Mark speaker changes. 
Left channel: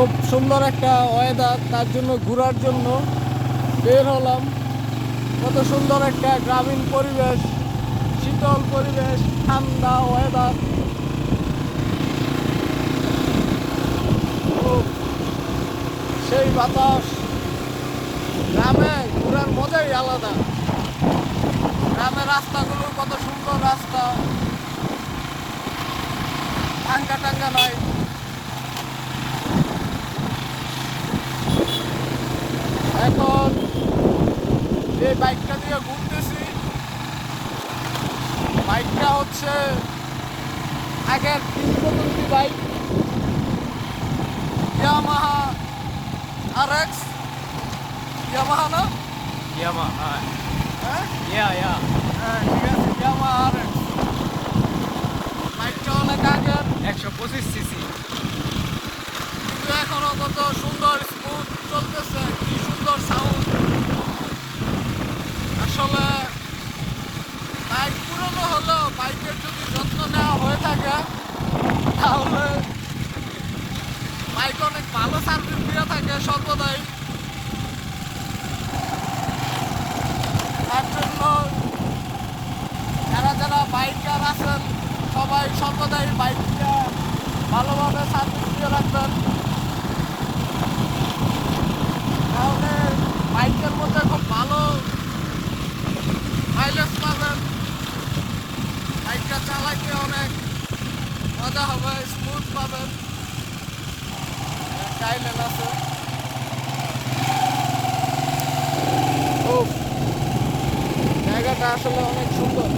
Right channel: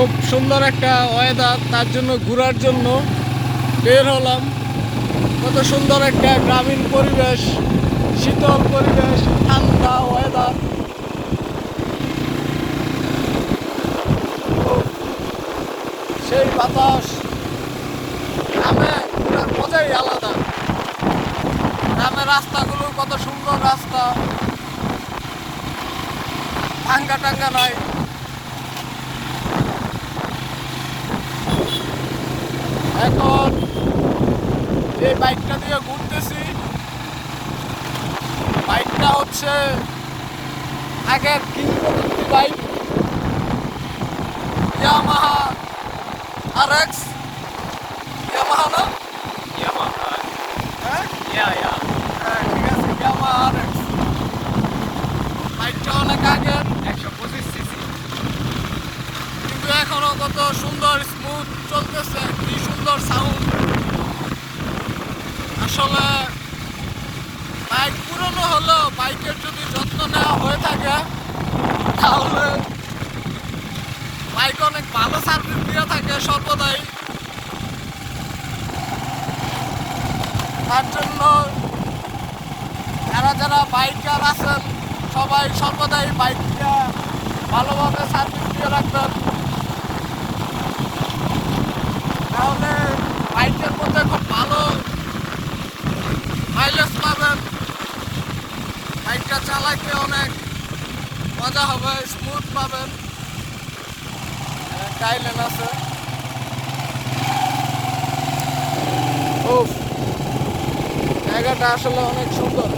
Speaker 1: খুব সুন্দর একটা ওয়েদার তার জন্য ঘোরার জন্য বের হলাম। কত সুন্দর একটা গ্রামীণ পরিবেশ, শীতল পরিবেশ, ঠান্ডা ওয়েদার সেই বাতাস, গ্রামে ঘোরার মজাই আলাদা। গ্রামের রাস্তাগুলো কত সুন্দর রাস্তা। টাঙ্গা টাঙ্গা নাই এখন যে বাইকটা দিয়ে ঘুরতেছি। বাইকটা হচ্ছে আগের কিংবদন্তি bike. Yamaha R X Yamaha না. হ্যাঁ. হ্যাঁ এক্স অনেক আগের।
Speaker 2: একশো পঁচিশ
Speaker 1: কিন্তু এখনও কত সুন্দর স্মুথ চলতেছে, কি সুন্দর সাউন্ড আসলে বাইক পুরনো হলেও বাইকের যদি যত্ন নেওয়া হয়ে থাকে, তাহলে বাইক অনেক ভালো সার্ভিস দিয়ে থাকে সর্বদাই। তার জন্য যারা যারা বাইকার আছেন, সবাই সর্বদাই বাইকটা ভালোভাবে সার্ভিস দিয়ে রাখবেন। তাহলে বাইকের মধ্যে খুব ভালো মাইলেজ পাবেন বাইকটা চালাইতে অনেক মজা হবে স্মুথ পাবেন। গাইলেন আছে। জায়গাটা আসলে অনেক সুন্দর।